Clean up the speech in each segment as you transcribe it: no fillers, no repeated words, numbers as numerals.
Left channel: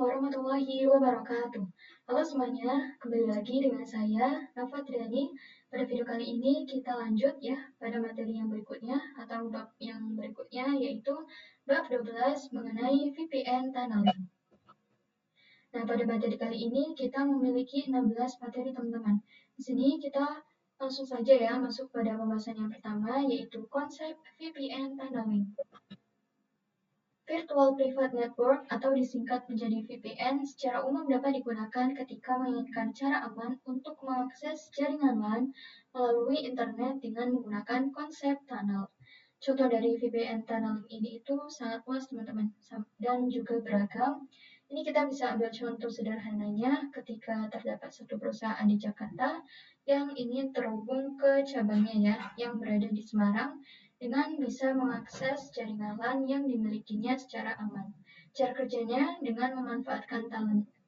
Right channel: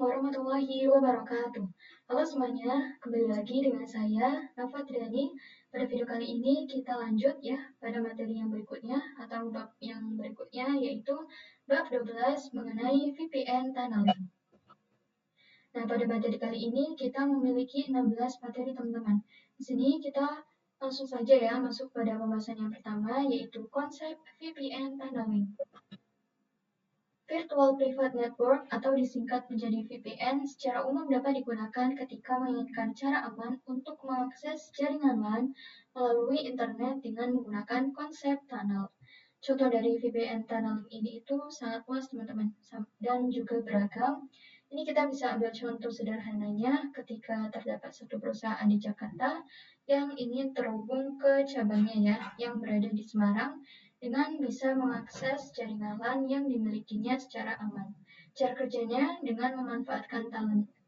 warahmatullahi wabarakatuh. Halo semuanya, kembali lagi dengan saya, Nafa Triani. Pada video kali ini kita lanjut ya pada materi yang berikutnya atau bab yang berikutnya, yaitu bab 12 mengenai VPN tunneling. Nah, pada materi kali ini kita memiliki 16 materi teman-teman. Di sini kita langsung saja ya masuk pada pembahasan yang pertama, yaitu konsep VPN tunneling. Virtual Private Network atau disingkat menjadi VPN secara umum dapat digunakan ketika menginginkan cara aman untuk mengakses jaringan LAN melalui internet dengan menggunakan konsep tunnel. Contoh dari VPN tunneling ini itu sangat luas teman-teman dan juga beragam. Ini kita bisa ambil contoh sederhananya ketika terdapat satu perusahaan di Jakarta yang ingin terhubung ke cabangnya ya yang berada di Semarang dengan bisa mengakses jaringan LAN yang dimilikinya secara aman. Cara kerjanya dengan memanfaatkan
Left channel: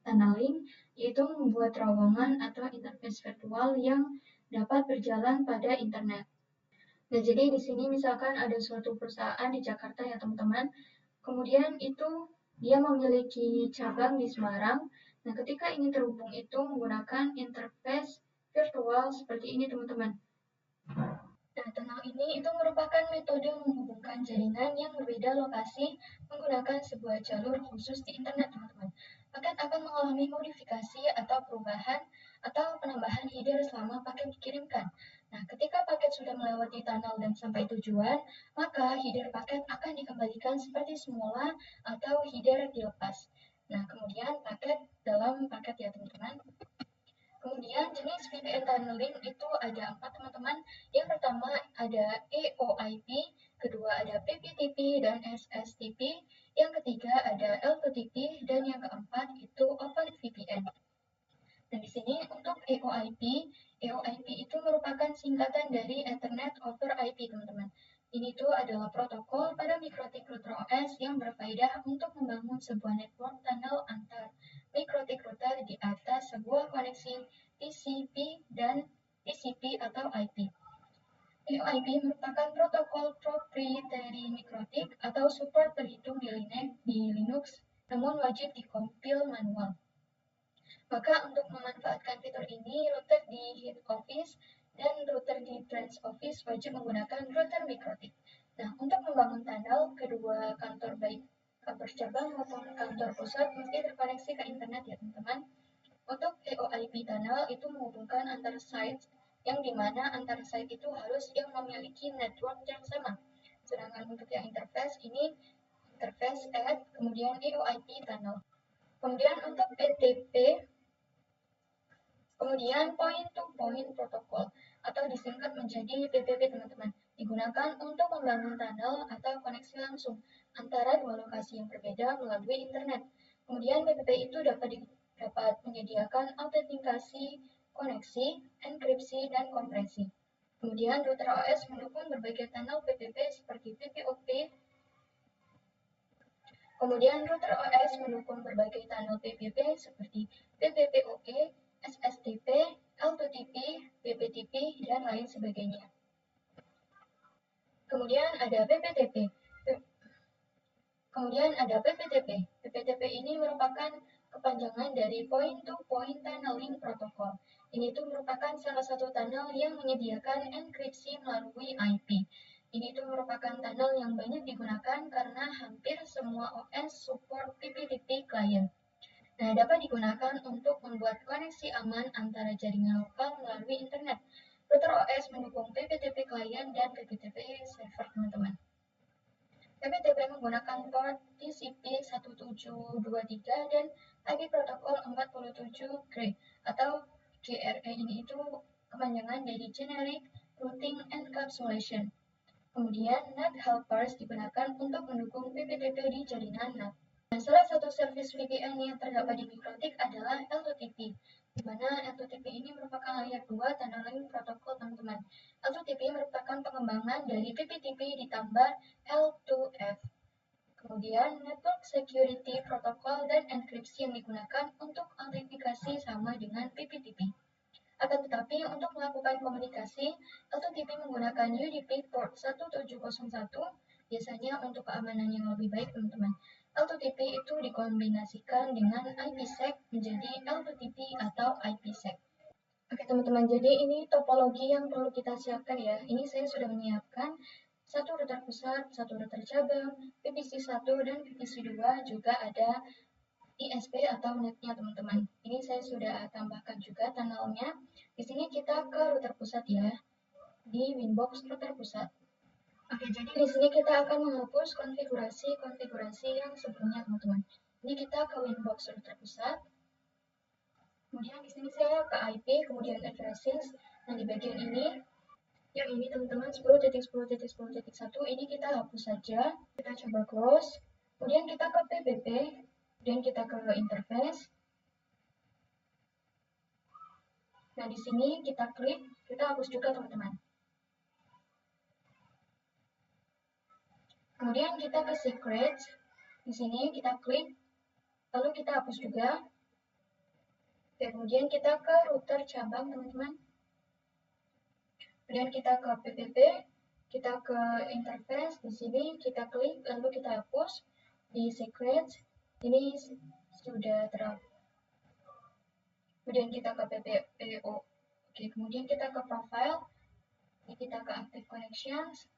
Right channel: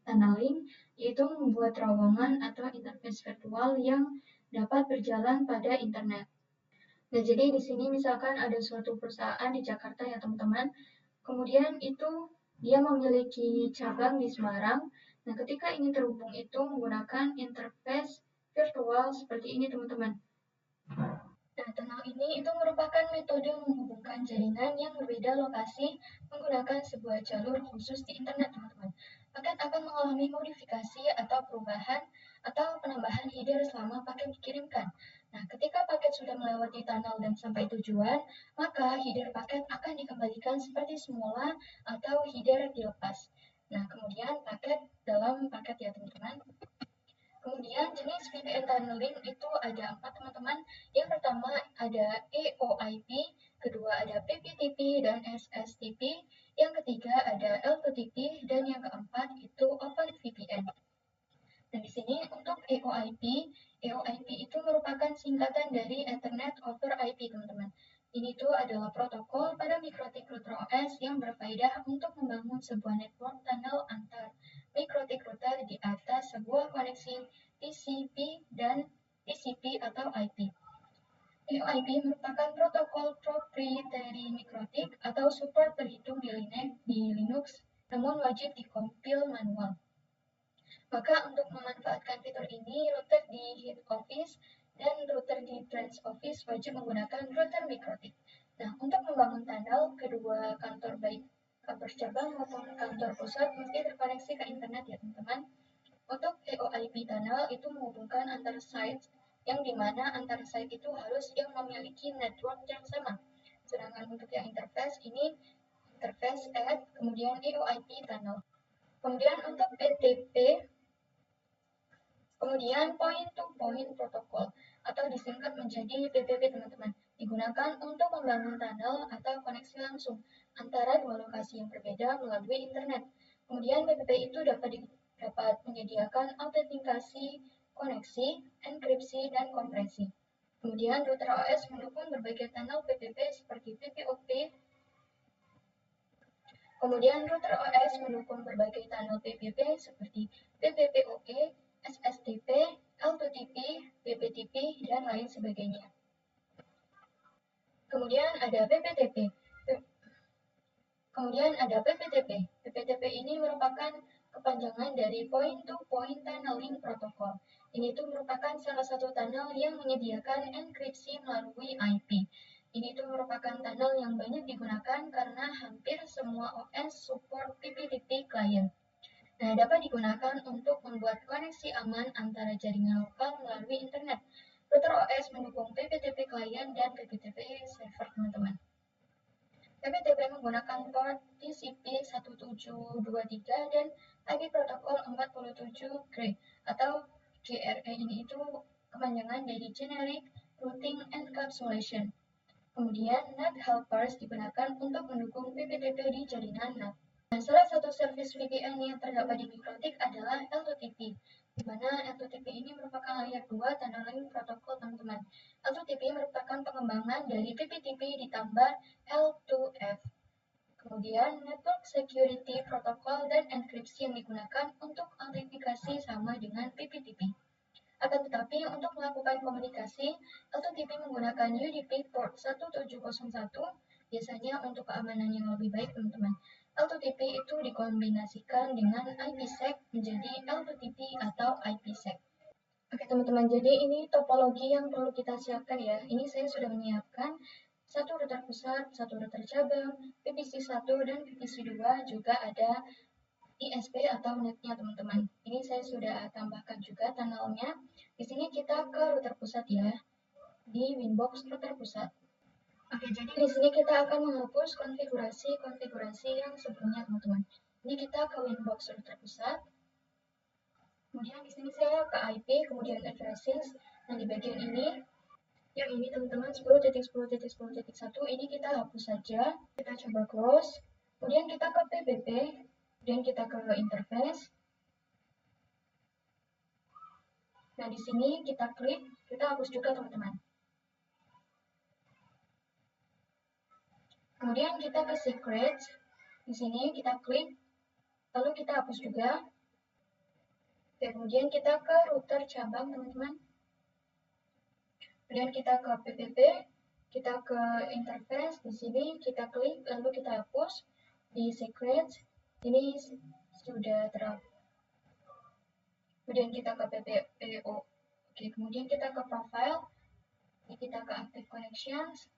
tunneling, yaitu membuat terowongan atau interface virtual yang dapat berjalan pada internet. Nah, jadi di sini misalkan ada suatu perusahaan di Jakarta ya teman-teman, kemudian itu dia memiliki cabang di Semarang. Nah, ketika ingin terhubung itu menggunakan interface virtual seperti ini teman-teman. Nah, tunnel ini itu merupakan metode menghubungkan jaringan yang berbeda lokasi menggunakan sebuah jalur khusus di internet, teman-teman. Paket akan mengalami modifikasi atau perubahan atau penambahan header selama paket dikirimkan. Nah, ketika paket sudah melewati tunnel dan sampai tujuan, maka header paket akan dikembalikan seperti semula atau header dilepas. Nah, kemudian paket dalam paket ya, teman-teman. Kemudian jenis VPN tunneling itu ada 4 teman-teman. Yang pertama ada EOIP, kedua ada PPTP dan SSTP, yang ketiga ada L2TP, dan yang keempat itu OpenVPN. Dan di sini untuk EOIP itu merupakan singkatan dari Ethernet over IP teman-teman. Ini tuh adalah protokol pada mikrotik router OS yang berfaedah untuk membangun sebuah network tunnel antar mikrotik router di atas sebuah koneksi TCP dan TCP atau IP. EOIP merupakan protokol proprietary mikrotik atau support terhitung di Linux, namun wajib dikompil manual. Maka untuk memanfaatkan fitur ini, router di head office dan router di branch office wajib menggunakan router mikrotik. Nah, untuk membangun tunnel, kedua kantor baik kantor cabang maupun kantor pusat mesti terkoneksi ke internet ya teman-teman. Untuk EOIP tunnel itu menghubungkan antar site yang dimana antar site itu harus yang memiliki network yang sama. Sedangkan untuk yang interface ini interface add kemudian EOIP tunnel. Kemudian untuk PTP kemudian point-to-point protocol atau disingkat menjadi PPP teman-teman, digunakan untuk membangun tunnel atau koneksi langsung antara dua lokasi yang berbeda melalui internet. Kemudian PPP itu dapat menyediakan autentikasi, koneksi, enkripsi, dan kompresi. Kemudian router OS mendukung berbagai tunnel PPP seperti PPOP. Kemudian router OS mendukung berbagai tunnel PPP seperti PPPoE, SSTP, L2TP, PPTP, dan lain sebagainya. Kemudian ada PPTP. PPTP ini merupakan kepanjangan dari Point-to-Point Tunneling Protocol. Ini tuh merupakan salah satu tunnel yang menyediakan enkripsi melalui IP. Ini tuh merupakan tunnel yang banyak digunakan karena hampir semua OS support PPTP client. Nah, dapat digunakan untuk membuat koneksi aman antara jaringan lokal melalui internet. Router OS mendukung PPTP client dan PPTP server, teman-teman. PPTP menggunakan port TCP 1723 dan IP protokol 47 GRE atau GRE ini itu kepanjangan dari Generic Routing Encapsulation. Kemudian NAT helpers digunakan untuk mendukung PPTP di jaringan NAT. Nah, salah satu service VPN yang terdapat di mikrotik adalah L2TP, di mana L2TP ini merupakan layer 2 tunneling protokol teman-teman. L2TP merupakan pengembangan dari PPTP ditambah L2F. Kemudian Network Security Protocol dan enkripsi yang digunakan untuk autentikasi sama dengan PPTP. Akan tetapi untuk melakukan komunikasi, L2TP menggunakan UDP port 1701 biasanya untuk keamanan yang lebih baik teman-teman. L2TP itu dikombinasikan dengan IPsec menjadi L2TP atau IPsec. Oke teman-teman, jadi ini topologi yang perlu kita siapkan ya. Ini saya sudah menyiapkan satu router pusat, satu router cabang, VPC1 dan VPC2, juga ada ISP atau netnya teman-teman. Ini saya sudah tambahkan juga tunnelnya. Di sini kita ke router pusat ya, di Winbox router pusat. Oke, jadi di sini kita akan menghapus konfigurasi yang sebelumnya teman-teman. Ini kita ke Winbox router pusat. Kemudian di sini saya ke IP, kemudian addresses. Nah, di bagian ini, yang ini teman-teman 10.10.10.1 ini kita hapus saja. Kita coba close. Kemudian kita ke PBP, dan kita ke interface. Nah, di sini kita klik, kita hapus juga teman-teman. Kemudian kita ke secrets. Di sini kita klik, lalu kita hapus juga. Kemudian kita ke router cabang teman-teman. Kemudian kita ke PPP, kita ke interface, di sini kita klik, lalu kita hapus. Di secrets, ini sudah terhapus. Kemudian kita ke PPO. Oke, kemudian kita ke profile, ini kita ke active connections.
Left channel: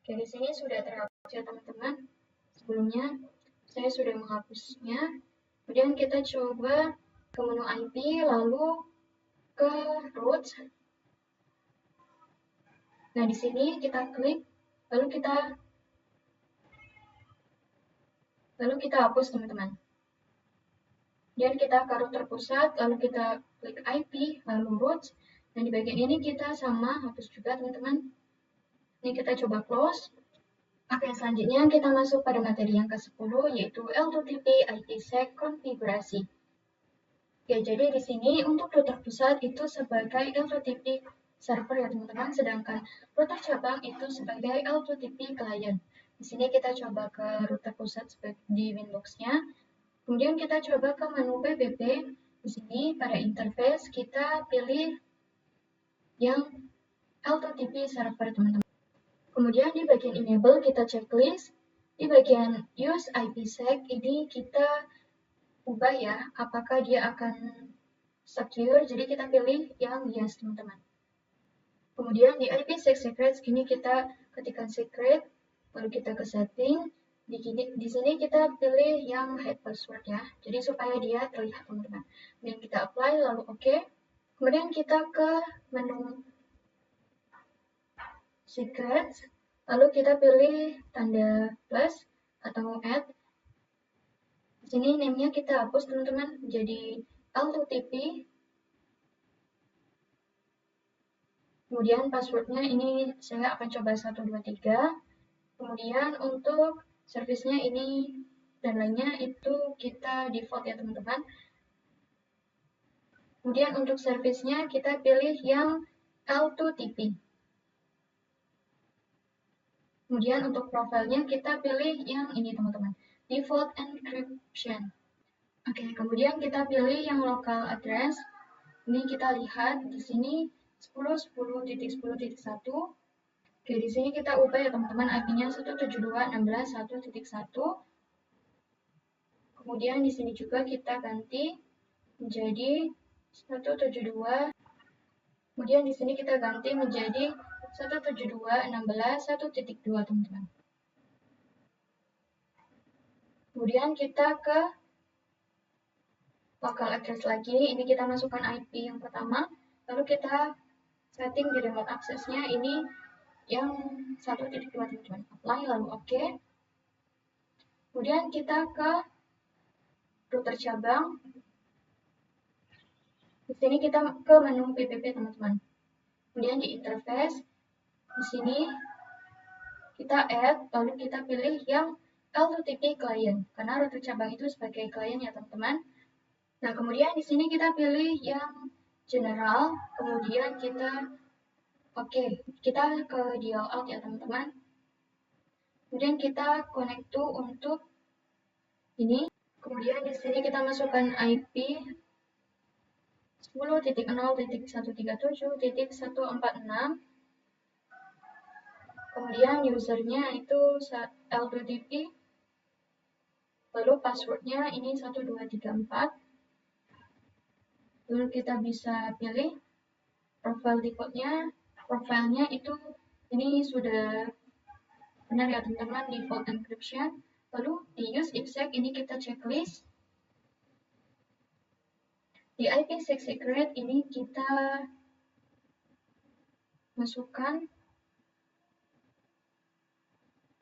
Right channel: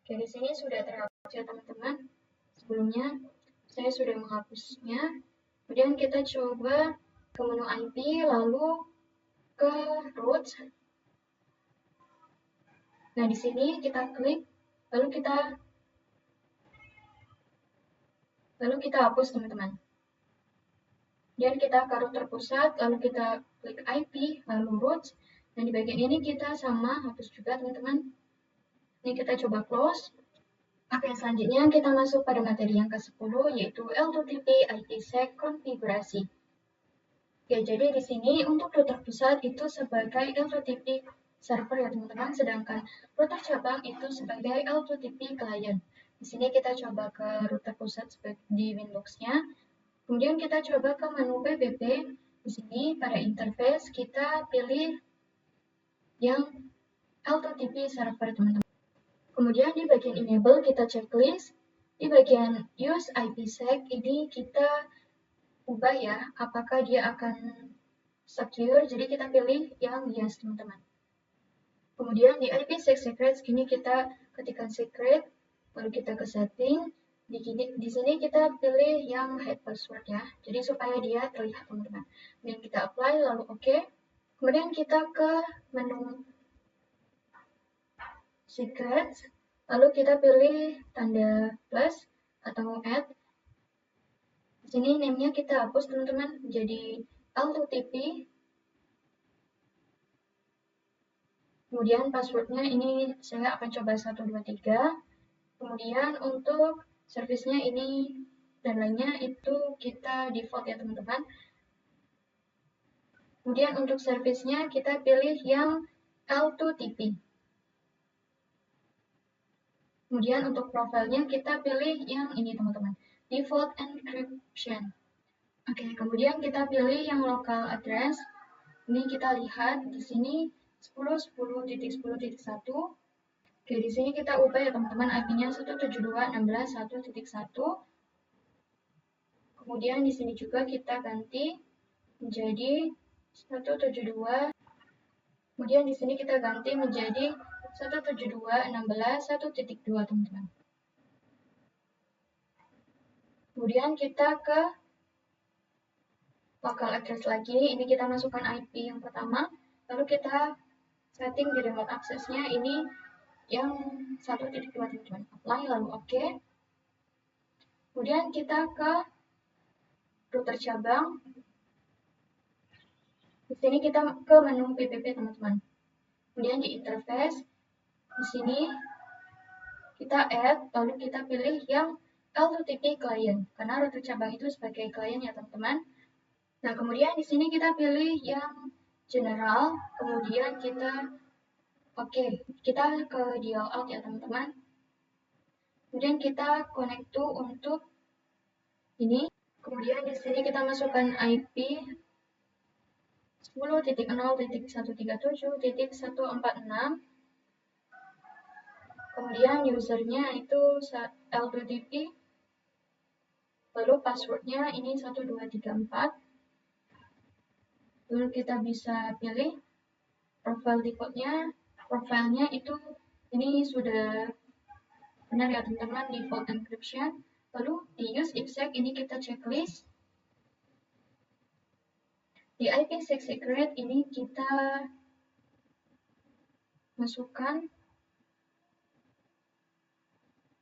Oke, di sini sudah terhapus ya teman-teman. Sebelumnya saya sudah menghapusnya. Kemudian kita coba ke menu IP, lalu ke root. Nah, di sini kita klik, lalu kita hapus teman-teman. Dan kita ke router pusat, lalu kita klik IP, lalu root. Dan di bagian ini kita sama hapus juga teman-teman. Ini kita coba close. Oke, selanjutnya kita masuk pada materi yang ke-10, yaitu L2TP IPsec konfigurasi. Ya, jadi di sini untuk router pusat itu sebagai L2TP server ya teman-teman, sedangkan router cabang itu sebagai L2TP client. Di sini kita coba ke router pusat di Windows-nya. Kemudian kita coba ke menu PBP. Di sini pada interface kita pilih yang L2TP server teman-teman. Kemudian di bagian enable kita checklist. Di bagian use IPsec ini kita ubah ya, apakah dia akan secure, jadi kita pilih yang yes teman-teman. Kemudian di IPsec secrets ini kita ketikkan secret, lalu kita ke setting. Di sini kita pilih yang hide password ya, jadi supaya dia terlihat teman-teman. Kemudian kita apply, lalu oke. Kemudian kita ke menu secrets, lalu kita pilih tanda plus atau add. Di sini name-nya kita hapus teman-teman, jadi L2TP. Kemudian passwordnya ini saya akan coba 123. Kemudian untuk servisnya ini dan lainnya itu kita default ya teman-teman. Kemudian untuk servisnya kita pilih yang L2TP. Kemudian untuk profilnya kita pilih yang ini teman-teman, default encryption. Oke, kemudian kita pilih yang local address. Ini kita lihat di sini 10.10.10.1. Oke, di sini kita ubah ya teman-teman, IP-nya 172.16.1.1. Kemudian di sini juga kita ganti menjadi 172. Kemudian di sini kita ganti menjadi 172.16.1.2 teman-teman. Kemudian kita ke local address lagi, ini kita masukkan IP yang pertama, lalu kita setting di remote access-nya ini yang 1.2 teman-teman. Apply, lalu oke. Kemudian kita ke router cabang. Di sini kita ke menu PPP teman-teman. Kemudian di interface, di sini kita add, lalu kita pilih yang L2TP client, karena router cabang itu sebagai client ya teman-teman. Nah, kemudian di sini kita pilih yang general, kemudian kita kita ke dial out ya teman-teman. Kemudian kita connect to untuk ini. Kemudian di sini kita masukkan IP 10.0.137.146. Kemudian usernya itu L2TP. Lalu passwordnya ini 1234. Lalu kita bisa pilih profile defaultnya. Profilnya itu ini sudah benar ya teman-teman, default encryption. Lalu di use IPsec ini kita checklist. Di IPsec secret ini kita masukkan.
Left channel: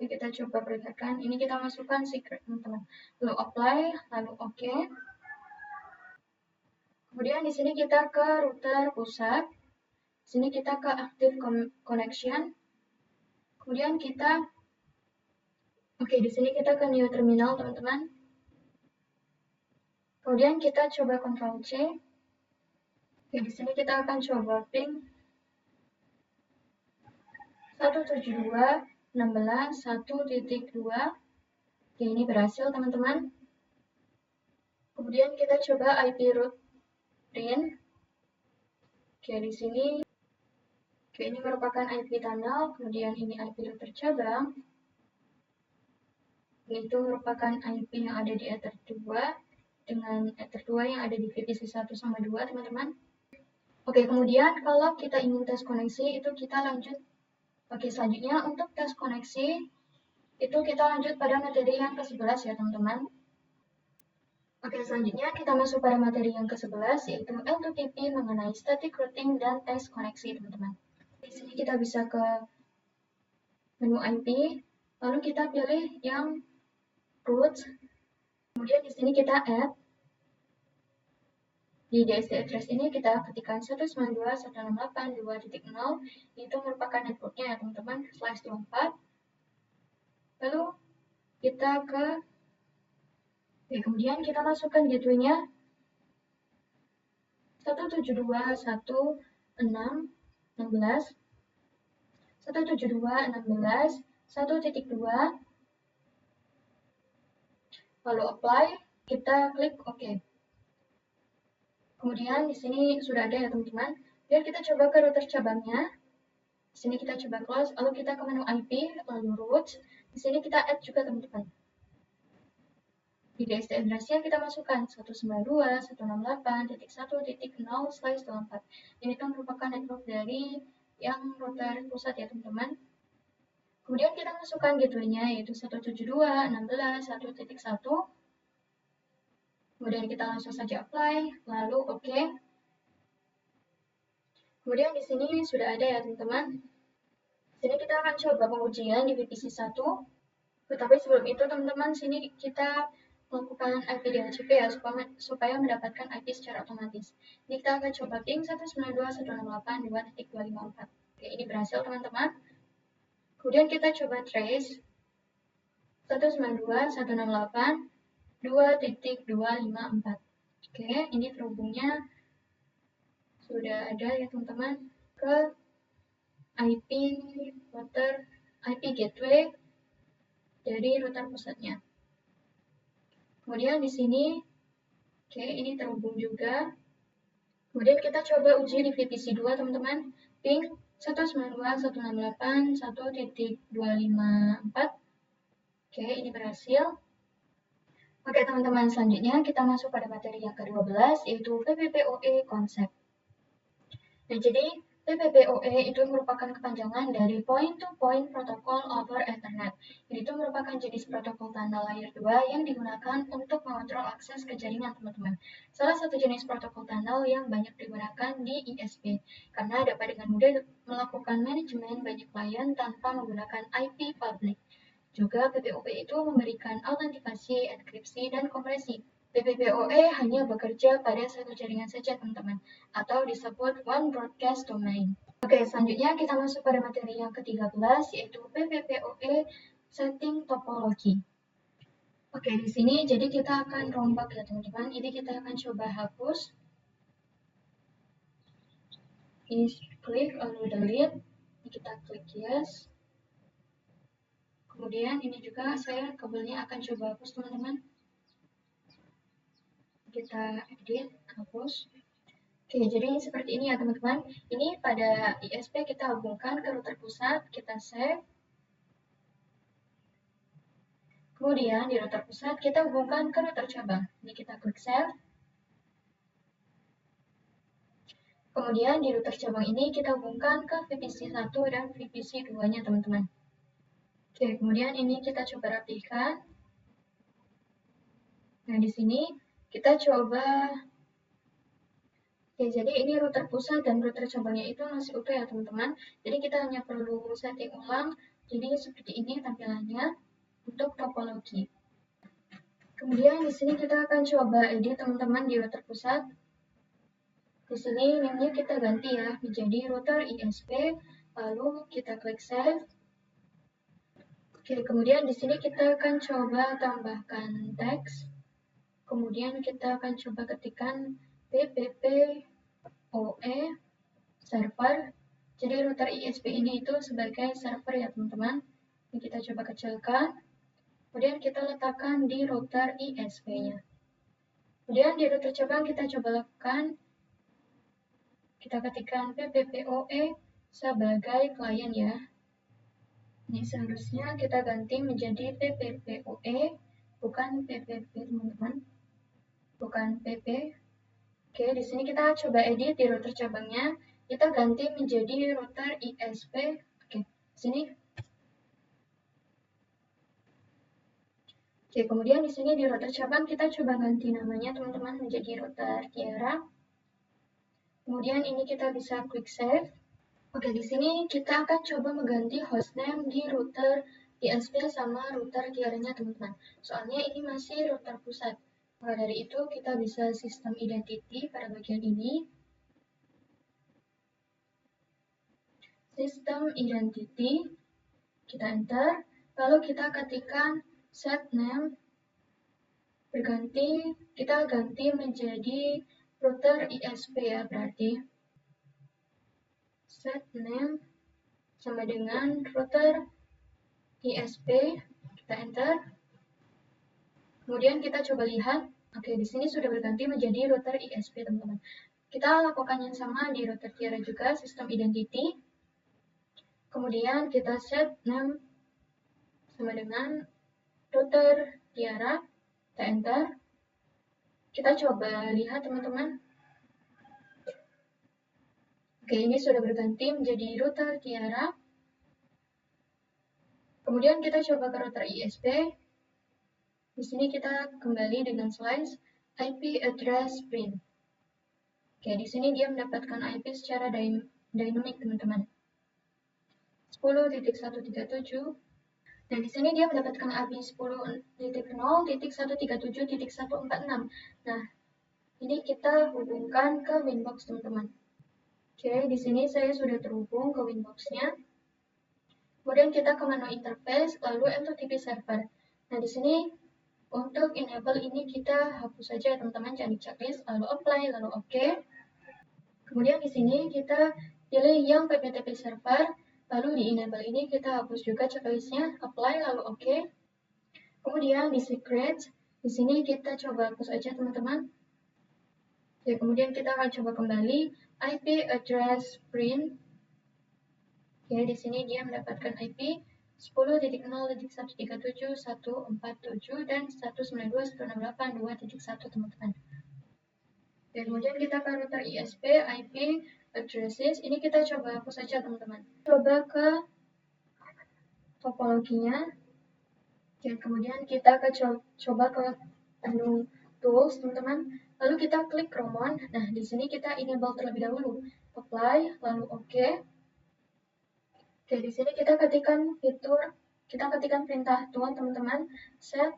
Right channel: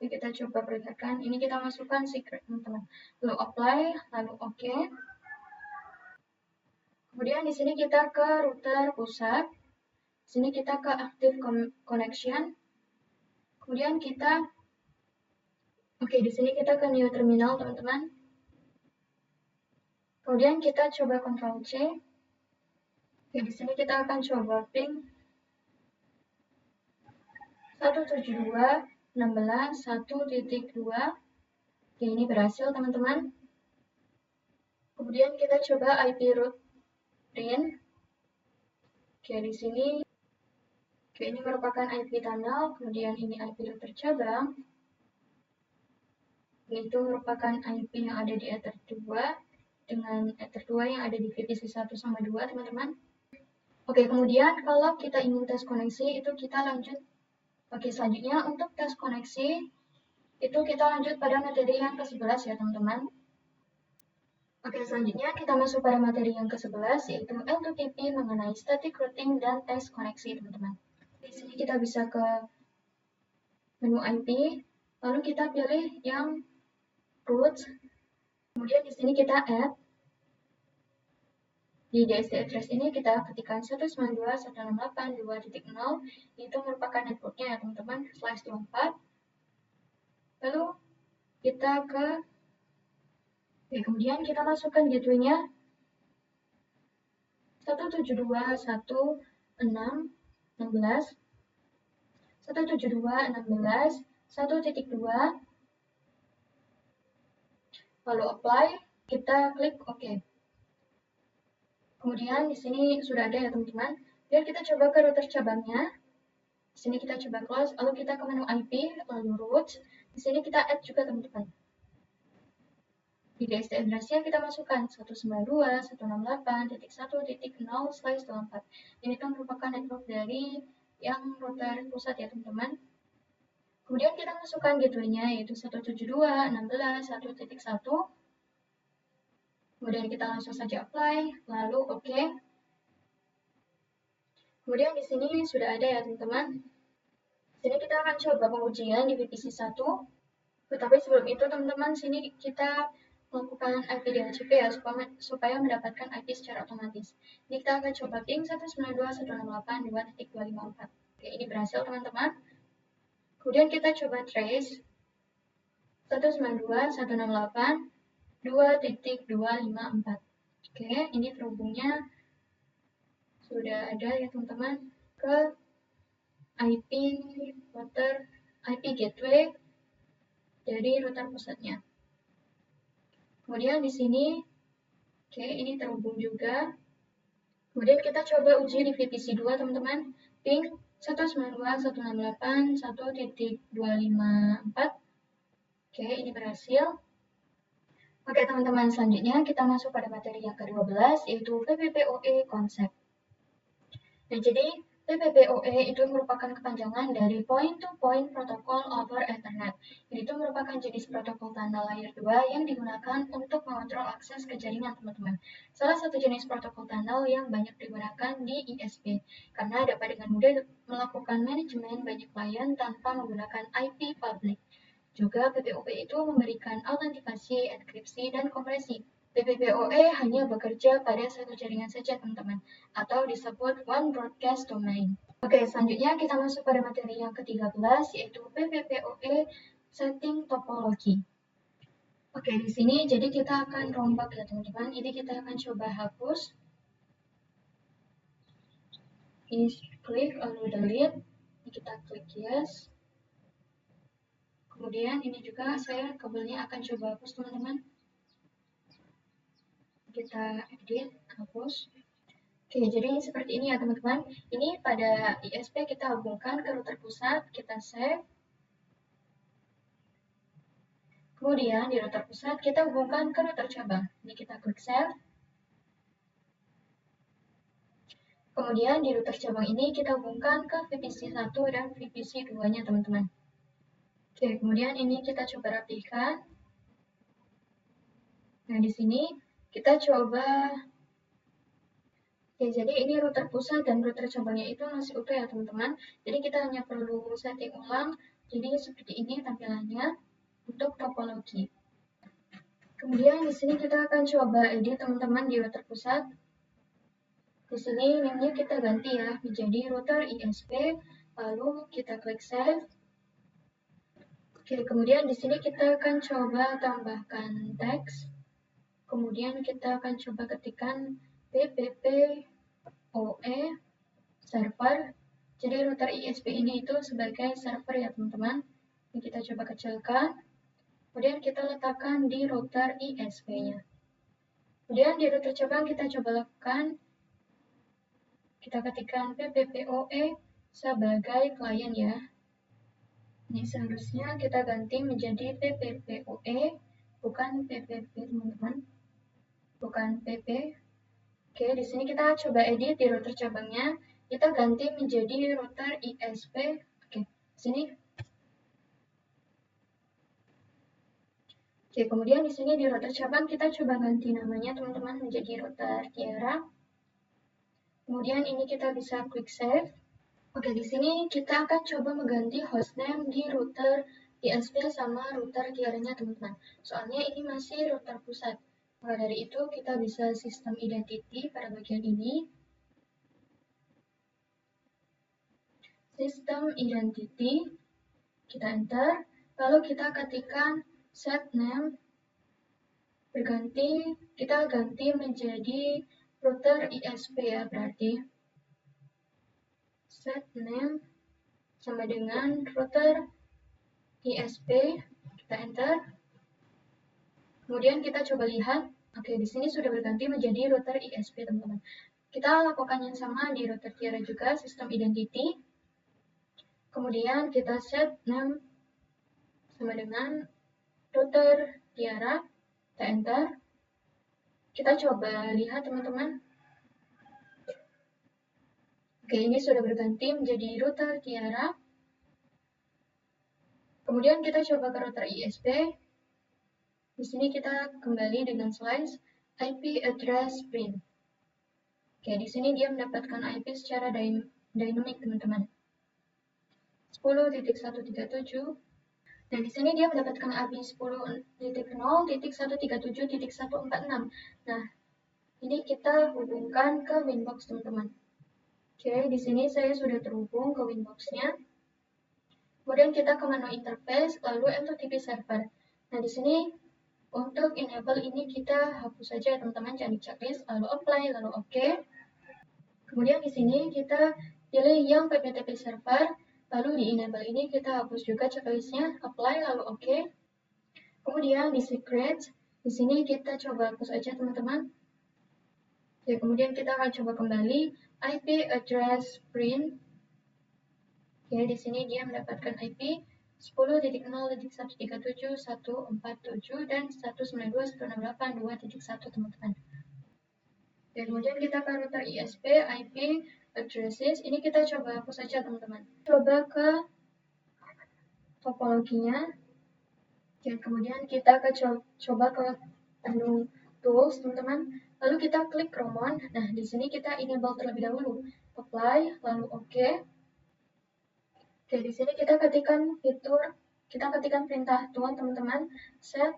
Kita coba perhatikan, ini kita masukkan secret teman-teman. Lalu apply, lalu OK. Kemudian di sini kita ke router pusat. Di sini kita ke active connection. Kemudian kita di sini kita ke new terminal teman-teman. Kemudian kita coba Ctrl C. Di sini kita akan coba ping 172.16.1.2. Ini berhasil teman-teman. Kemudian kita coba IP root print. Di sini ini merupakan IP tunnel, kemudian ini IP root tercabang. Itu merupakan IP yang ada di Ether 2 dengan Ether 2 yang ada di VPC 1 sama 2, teman-teman. Kemudian kalau kita ingin tes koneksi, itu kita lanjut. Selanjutnya untuk tes koneksi, itu kita lanjut pada materi yang ke-11 ya, teman-teman. Selanjutnya kita masuk pada materi yang ke-11, yaitu L2TP mengenai static routing dan tes koneksi, teman-teman. Di sini kita bisa ke menu IP, lalu kita pilih yang root. Kemudian di sini kita add. Di DSD address ini kita ketikkan 192.168.2.0, itu merupakan networknya ya teman-teman, /24. Lalu kita kemudian kita masukkan gateway-nya 172.168.16.1.2, lalu apply, kita klik OK. Kemudian di sini sudah ada ya teman-teman. Dan kita coba ke router cabangnya. Di sini kita coba close, lalu kita ke menu IP, lalu root. Di sini kita add juga teman-teman. Di DSD address-nya kita masukkan 192.168.1.0/24. Ini kan merupakan network dari yang router pusat ya teman-teman. Kemudian kita masukkan gateway-nya yaitu 172.16.1.1. Kemudian kita langsung saja apply, lalu OK. Kemudian di sini sudah ada ya teman-teman. Di sini kita akan coba pengujian di VPC 1. Tetapi sebelum itu teman-teman, sini kita melakukan IP DHCP ya supaya mendapatkan IP secara otomatis. Ini kita akan coba ping 192.168.2.254. Ini berhasil teman-teman. Kemudian kita coba trace 192.168.2.254. Ini terhubungnya sudah ada ya teman-teman ke IP router, IP gateway dari router pusatnya. Kemudian di sini, ini terhubung juga. Kemudian kita coba uji di VPC 2 teman-teman, ping 192.168.1.254. Ini berhasil. Teman-teman, selanjutnya kita masuk pada materi yang ke-12, yaitu PPPoE konsep. Jadi PPPoE itu merupakan kepanjangan dari Point to Point Protocol over Ethernet. Itu merupakan jenis protokol tanda layer 2 yang digunakan untuk mengontrol akses ke jaringan, teman-teman. Salah satu jenis protokol tunnel yang banyak digunakan di ISP, karena dapat dengan mudah melakukan manajemen banyak klien tanpa menggunakan IP public. Juga PPOE itu memberikan autentikasi, enkripsi, dan kompresi. PPPoE hanya bekerja pada satu jaringan saja, teman-teman, atau disebut One Broadcast Domain. Selanjutnya kita masuk pada materi yang ke-13, yaitu PPPoE Setting Topology. Di sini jadi kita akan rombak ya, teman-teman. Ini kita akan coba hapus. Ini klik lalu delete. Ini kita klik yes. Kemudian ini juga saya kabelnya akan coba hapus, teman-teman. Kita edit, hapus. Jadi seperti ini ya teman-teman. Ini pada ISP kita hubungkan ke router pusat, kita save. Kemudian di router pusat kita hubungkan ke router cabang. Jadi kita klik save. Kemudian di router cabang ini kita hubungkan ke VPC 1 dan VPC 2-nya teman-teman. Oke, kemudian ini kita coba rapikan. Nah, di sini kita coba. Oke, jadi ini router pusat dan router cabangnya itu masih utuh ya teman-teman. Jadi kita hanya perlu setting ulang. Jadi seperti ini tampilannya untuk topologi. Kemudian di sini kita akan coba edit teman-teman di router pusat. Di sini namanya kita ganti ya menjadi router ISP, lalu kita klik save. Oke, kemudian di sini kita akan coba tambahkan teks. Kemudian kita akan coba ketikkan PPPoE server. Jadi router ISP ini itu sebagai server ya teman-teman. Ini kita coba kecilkan. Kemudian kita letakkan di router ISP-nya. Kemudian di router cabang kita coba lakukan. Kita ketikkan PPPoE sebagai klien ya. Ini seharusnya kita ganti menjadi PPPoE, bukan PPP teman-teman. Bukan PP. Oke, di sini kita coba edit di router cabangnya. Kita ganti menjadi router ISP. Oke, sini. Oke, kemudian di sini di router cabang kita coba ganti namanya teman-teman menjadi router Tiara. Kemudian ini kita bisa klik save. Oke, di sini kita akan coba mengganti hostname di router ISP sama router Tiara-nya teman-teman. Soalnya ini masih router pusat. Maka dari itu kita bisa sistem identity pada bagian ini. Sistem identity, kita enter, lalu kita ketikkan set name, berganti, kita ganti menjadi router ISP ya berarti. Set name sama dengan router ISP, kita enter. Kemudian kita coba lihat, oke di sini sudah berganti menjadi router ISP teman-teman. Kita lakukan yang sama di router Tiara juga, sistem identity. Kemudian kita set name sama dengan router Tiara, kita enter. Kita coba lihat teman-teman. Oke, ini sudah berganti menjadi router Tiara. Kemudian kita coba ke router ISP. Di sini kita kembali dengan slice IP address print. Oke, di sini dia mendapatkan IP secara dynamic teman-teman. 10.137. Nah, di sini dia mendapatkan IP 10.0.137.146. Nah, ini kita hubungkan ke Winbox teman-teman. Oke, di sini saya sudah terhubung ke Winbox-nya. Kemudian kita ke menu interface, lalu MTTP server. Nah, di sini untuk enable ini kita hapus saja ya teman-teman, jangan di checklist, lalu apply, lalu OK. Kemudian di sini kita pilih yang PPTP server, lalu di enable ini kita hapus juga checklistnya, apply, lalu OK. Kemudian di secrets, di sini kita coba hapus aja teman-teman. Oke, kemudian kita akan coba kembali IP address print. Oke, di sini dia mendapatkan IP 10.0.137.147 dan 192.168.2.1 teman-teman. Kemudian kita ke router ISP IP addresses. Ini kita coba hapus saja teman-teman. Coba ke topologinya. Oke, kemudian kita coba ke menu tools teman-teman. Lalu kita klik Roman. Nah, di sini kita enable terlebih dahulu. Apply, lalu OK. Oke, di sini kita ketikkan perintah tool teman-teman. Set.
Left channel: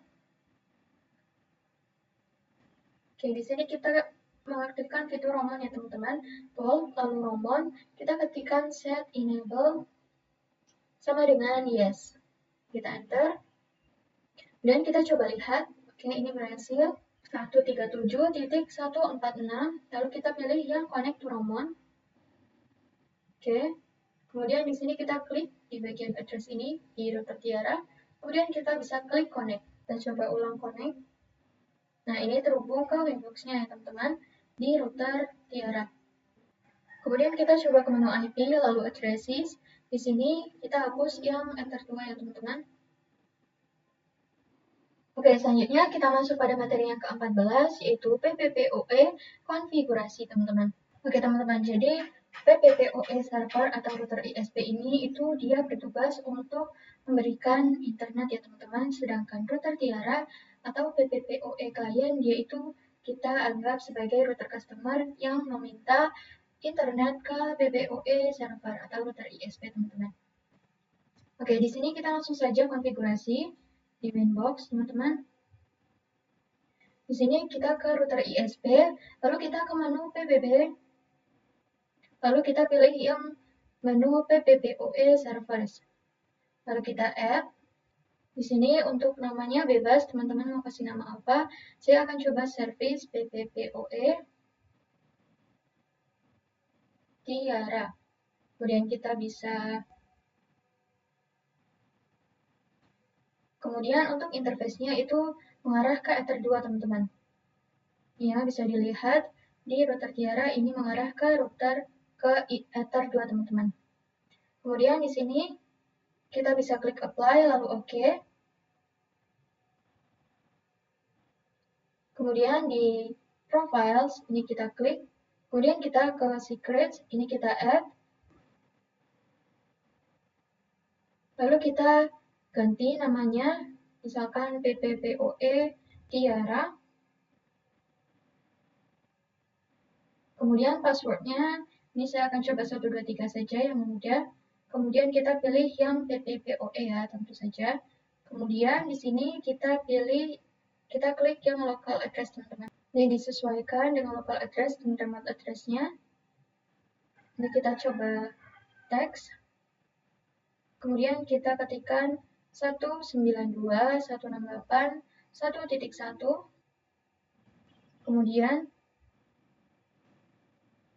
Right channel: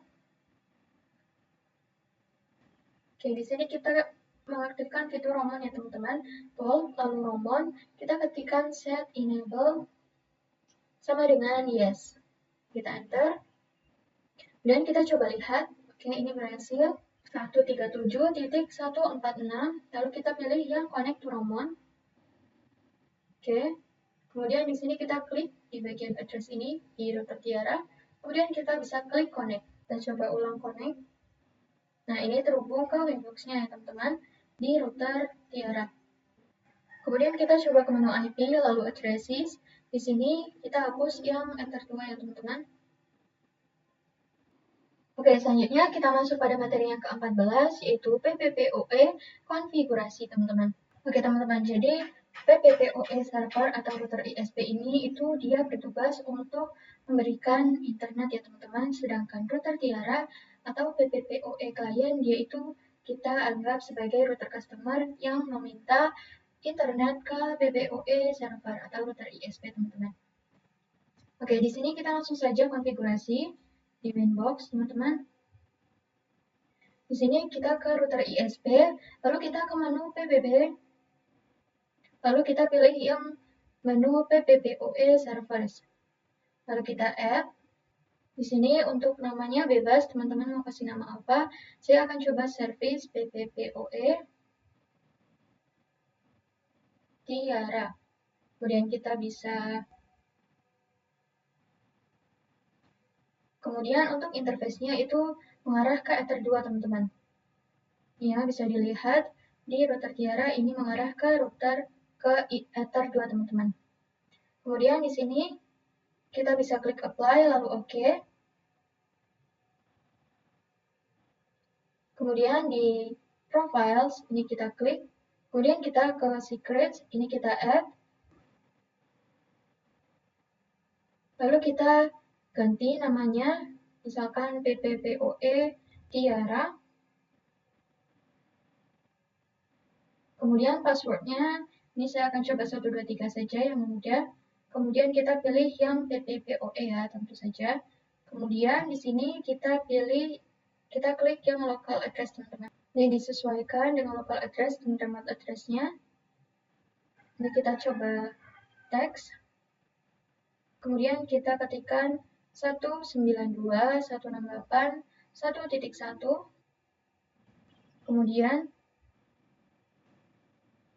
Oke, di sini kita mengaktifkan fitur Roman ya teman-teman. Tool, lalu Roman, kita ketikkan set enable sama dengan yes. Kita enter. Dan kita coba lihat. Oke, ini berhasil. 137.146. Lalu kita pilih yang connect to Roman. Oke. Kemudian di sini kita klik di bagian address ini di router Tiara. Kemudian kita bisa klik connect. Kita coba ulang connect. Nah, ini terhubung ke Winbox-nya ya teman-teman di router Tiara. Kemudian kita coba ke menu IP lalu addresses. Di sini kita hapus yang enter 2 ya teman-teman. Oke, selanjutnya kita masuk pada materi yang ke-14, yaitu PPPoE konfigurasi, teman-teman. Oke, teman-teman, jadi PPPoE server atau router ISP ini itu dia bertugas untuk memberikan internet ya, teman-teman. Sedangkan router Tiara atau PPPoE client dia itu kita anggap sebagai router customer yang meminta internet ke PPPoE server atau router ISP, teman-teman. Oke, di sini kita langsung saja konfigurasi di Winbox, teman-teman. Di sini kita ke router ISP, lalu kita ke menu PBB, lalu kita pilih yang menu PPPoE servers. Lalu kita add. Di sini untuk namanya bebas, teman-teman mau kasih nama apa. Saya akan coba service PPPoE Tiara. Kemudian kita bisa Kemudian untuk interface-nya itu mengarah ke Ether 2, teman-teman. Ya, bisa dilihat di router Tiara ini mengarah ke router ke Ether 2, teman-teman. Kemudian di sini kita bisa klik apply lalu OK. Kemudian di profiles ini kita klik. Kemudian kita ke secrets, ini kita add. Lalu kita ganti namanya, misalkan PPPoE Tiara. Kemudian passwordnya, ini saya akan coba 123 saja yang mudah. Kemudian kita pilih yang PPPoE ya, tentu saja. Kemudian di sini kita klik yang local address, teman-teman. Ini disesuaikan dengan local address dan remote address-nya. Ini kita coba teks. Kemudian kita ketikkan 192.168.1.1. Kemudian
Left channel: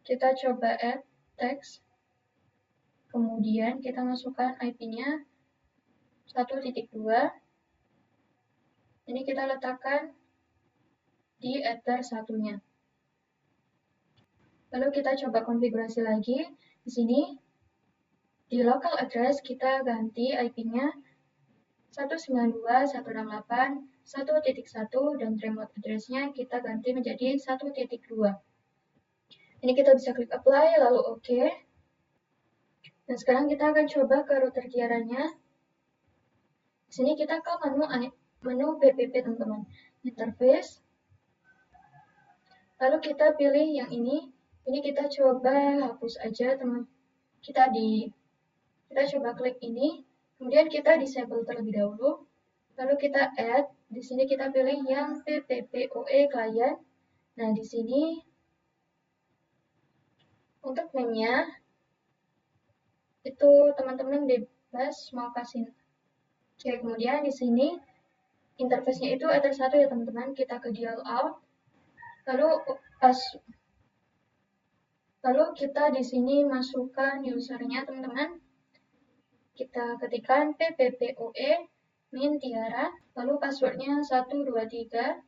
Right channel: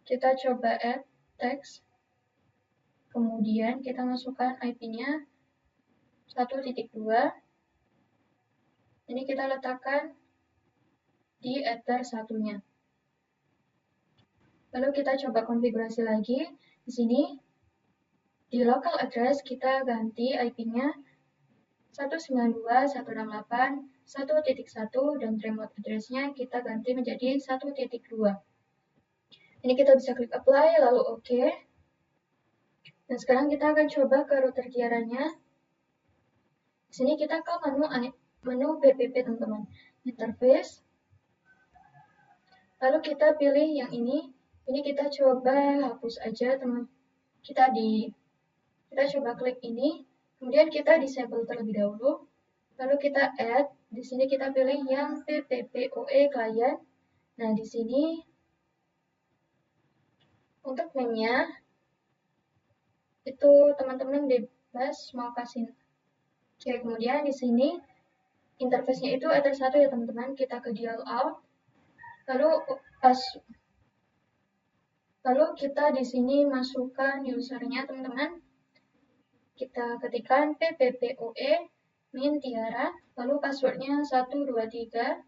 kita coba add text. Kemudian kita masukkan IP-nya 1.2. Ini kita letakkan di Ether 1-nya. Lalu kita coba konfigurasi lagi. Di sini di local address kita ganti IP-nya 192.168.1.1 dan remote address-nya kita ganti menjadi 1.2. Ini kita bisa klik apply lalu OK. Dan sekarang kita akan coba ke router Tiara-nya. Di sini kita ke menu PPP, teman-teman. Interface. Lalu kita pilih yang ini. Ini kita coba hapus aja, teman. Kita coba klik ini. Kemudian kita disable terlebih dahulu. Lalu kita add. Di sini kita pilih yang PPPoE client. Nah, di sini untuk name-nya itu teman-teman bebas mau kasih. Oke, kemudian di sini interface-nya itu Ether 1 ya, teman-teman. Kita ke dial out. Lalu kita di sini masukkan user-nya, teman-teman. Kita ketikkan PPPoE min Tiara, lalu password-nya 123.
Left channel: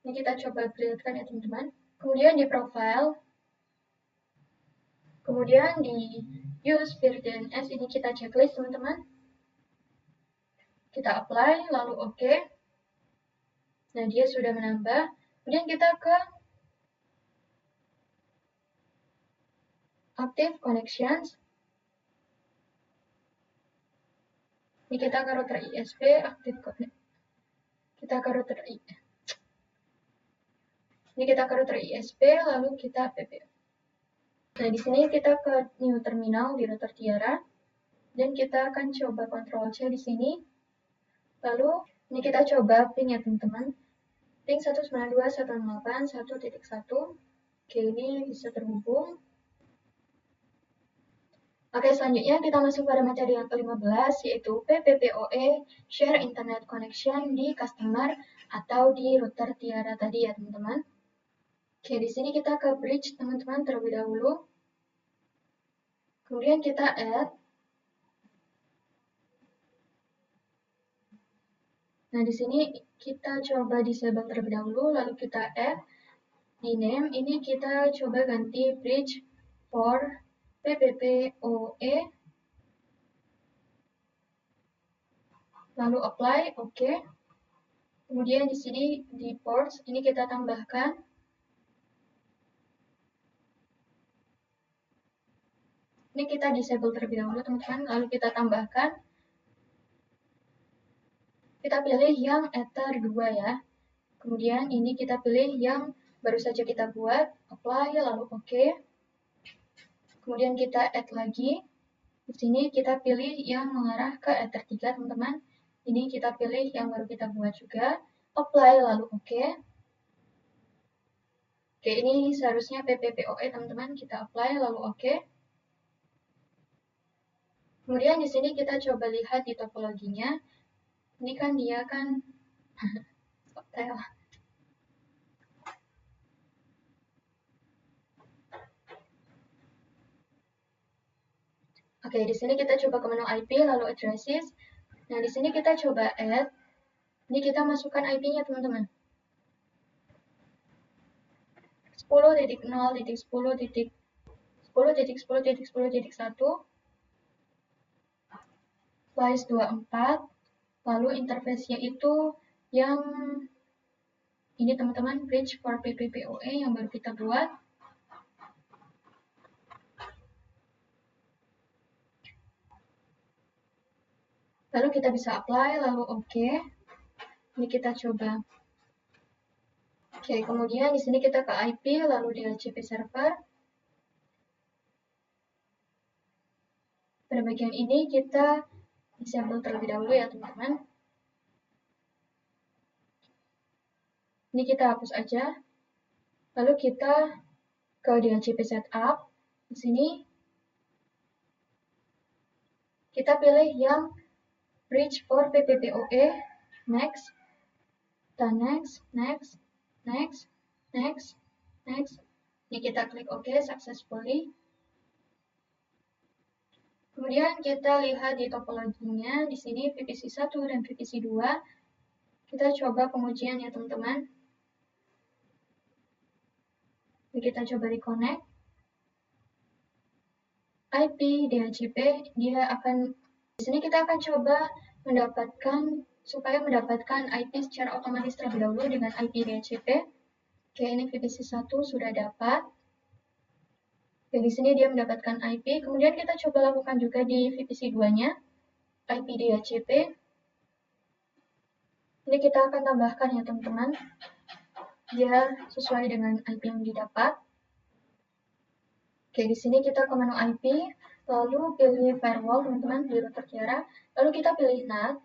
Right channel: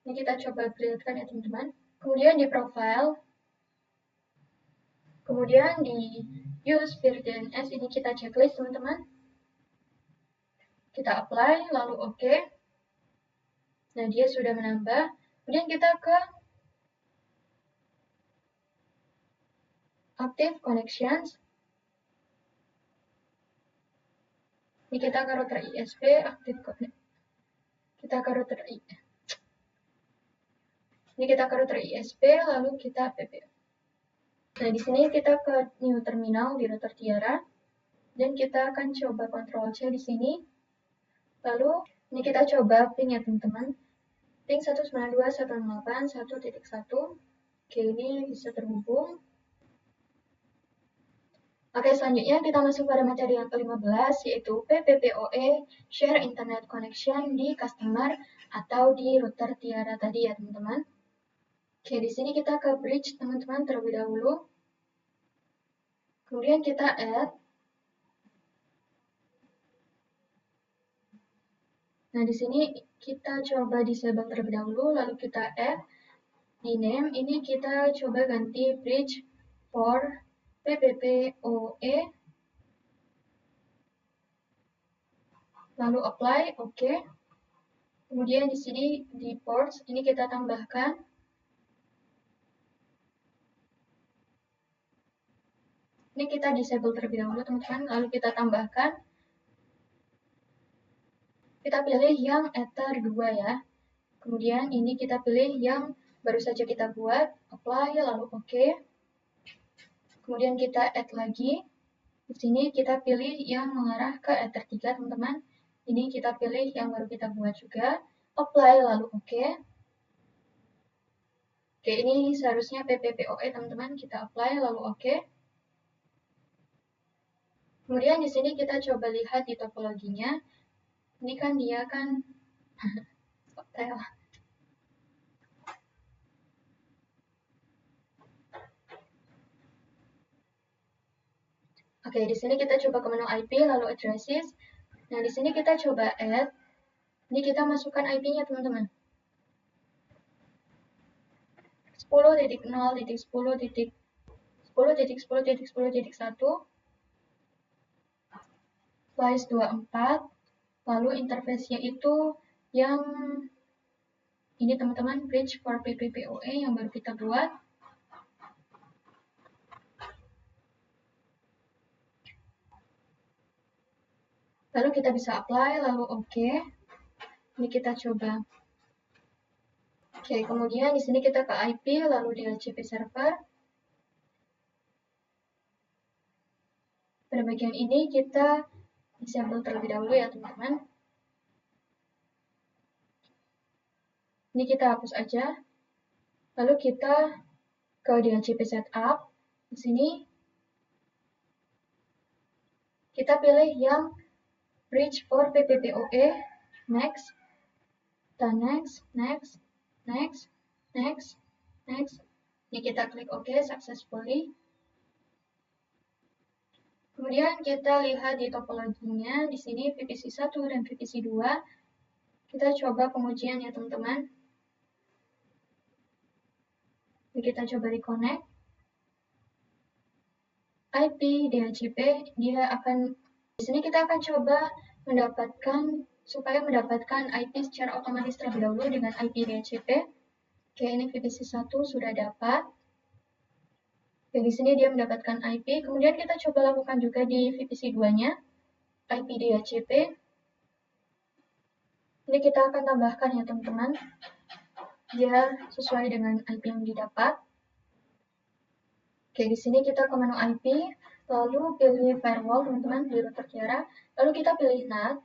Ini kita coba build-kan ya, teman-teman. Kemudian di profile, kemudian di use VirDNS ini kita checklist, teman-teman. Kita apply, lalu OK. Nah, dia sudah menambah. Kemudian kita ke Active Connections. Ini kita ke router ISP, Active Connect. Ini kita ke router ISP, lalu kita PP. Nah, di sini kita ke New Terminal di router Tiara. Dan kita akan coba Ctrl-C di sini. Lalu, ini kita coba ping ya, teman-teman. Ping 192.168.1.1. Oke, ini bisa terhubung. Oke, selanjutnya kita masuk pada materi yang ke-15, yaitu PPPoE Share Internet Connection di customer atau di router Tiara tadi ya, teman-teman. Oke, di sini kita ke bridge, teman-teman, terlebih dahulu. Kemudian kita add. Nah, di sini kita coba disable terlebih dahulu, lalu kita add. Di name, ini kita coba ganti bridge for PPPoE. Lalu apply, OK. Kemudian di sini di ports ini kita tambahkan. Ini kita disable terlebih dahulu teman-teman, lalu kita tambahkan. Kita pilih yang Ether 2 ya. Kemudian ini kita pilih yang baru saja kita buat, apply, lalu OK. Kemudian kita add lagi. Di sini kita pilih yang mengarah ke Ether 3 teman-teman. Ini kita pilih yang baru kita buat juga, apply, lalu OK. Oke, ini seharusnya PPPoE teman-teman, kita apply, lalu OK. Kemudian di sini kita coba lihat di topologinya. Ini kan dia kan Oke, di sini kita coba ke menu IP lalu addresses. Nah, di sini kita coba add. Ini kita masukkan IP-nya teman-teman. 10.0.10.10.10.10.1 slice 24. Lalu interface-nya itu yang ini teman-teman, bridge for PPPoE yang baru kita buat. Lalu kita bisa apply, lalu OK. Ini kita coba. Oke, kemudian di sini kita ke IP, lalu di DHCP server. Pada bagian ini kita disable terlebih dahulu ya teman-teman. Ini kita hapus aja. Lalu kita ke DHCP setup. Di sini kita pilih yang bridge for PPPoE. Next. Dan next. Ini kita klik OK successfully. Kemudian kita lihat di topologinya. Di sini VPC 1 dan VPC 2. Kita coba pengujian ya teman-teman. Ini kita coba reconnect. IP DHCP, dia akan di sini kita akan coba mendapatkan IP secara otomatis terlebih dahulu dengan IP DHCP. Oke, ini VPC 1 sudah dapat. Oke, di sini dia mendapatkan IP. Kemudian kita coba lakukan juga di VPC 2-nya, IP DHCP. Ini kita akan tambahkan ya teman-teman, biar sesuai dengan IP yang didapat. Oke, di sini kita ke menu IP, lalu pilih firewall teman-teman, di router Kiara, lalu kita pilih NAT.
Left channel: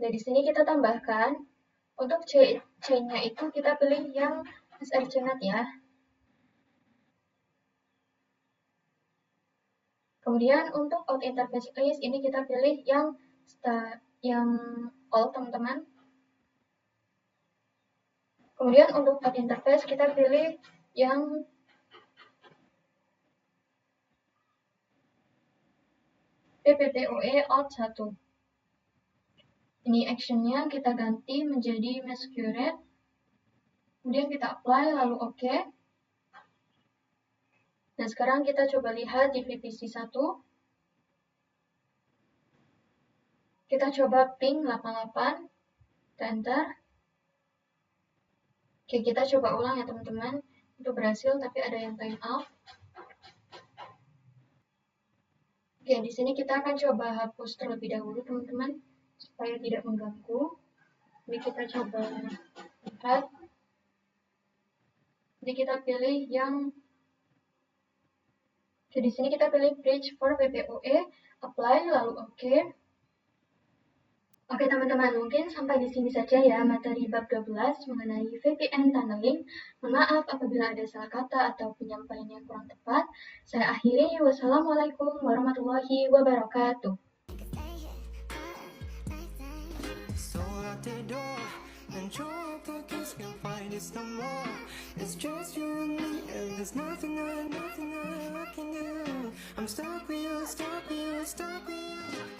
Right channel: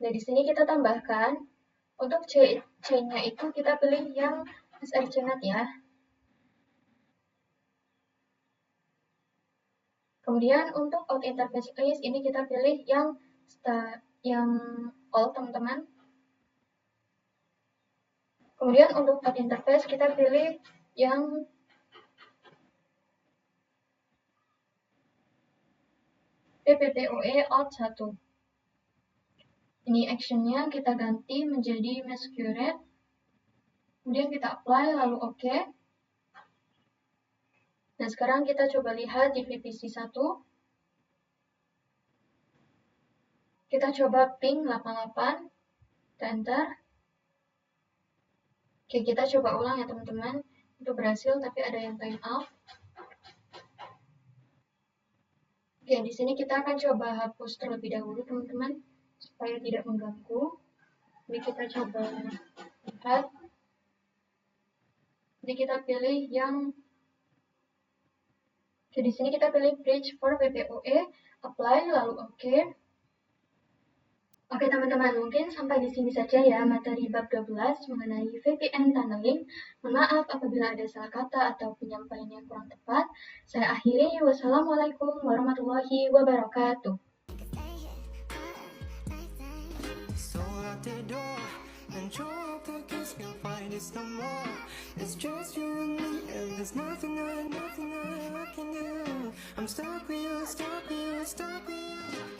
Nah, di sini kita tambahkan, untuk chain-nya itu kita pilih yang SRC-NAT ya. Kemudian untuk out interface list, ini kita pilih yang all teman-teman. Kemudian untuk out interface kita pilih yang PPPoE out 1. Ini actionnya kita ganti menjadi masquerade. Kemudian kita apply lalu OK. Nah, sekarang kita coba lihat di VPC 1. Kita coba ping 88, enter. Oke, kita coba ulang ya teman-teman. Itu berhasil, tapi ada yang time out. Oke, di sini kita akan coba hapus terlebih dahulu teman-teman, supaya tidak mengganggu. Ini kita coba lihat. Jadi kita pilih yang Oke, di sini kita pilih bridge for PPOE, apply, lalu OK. Oke teman-teman, mungkin sampai di sini saja ya materi bab 12 mengenai VPN tunneling. Mohon maaf apabila ada salah kata atau penyampaian yang kurang tepat. Saya akhiri, wassalamualaikum warahmatullahi wabarakatuh. And your pockets can't find us no more. It's just you and me, and there's nothing I can do. I'm stuck with you, stuck with you, stuck with you.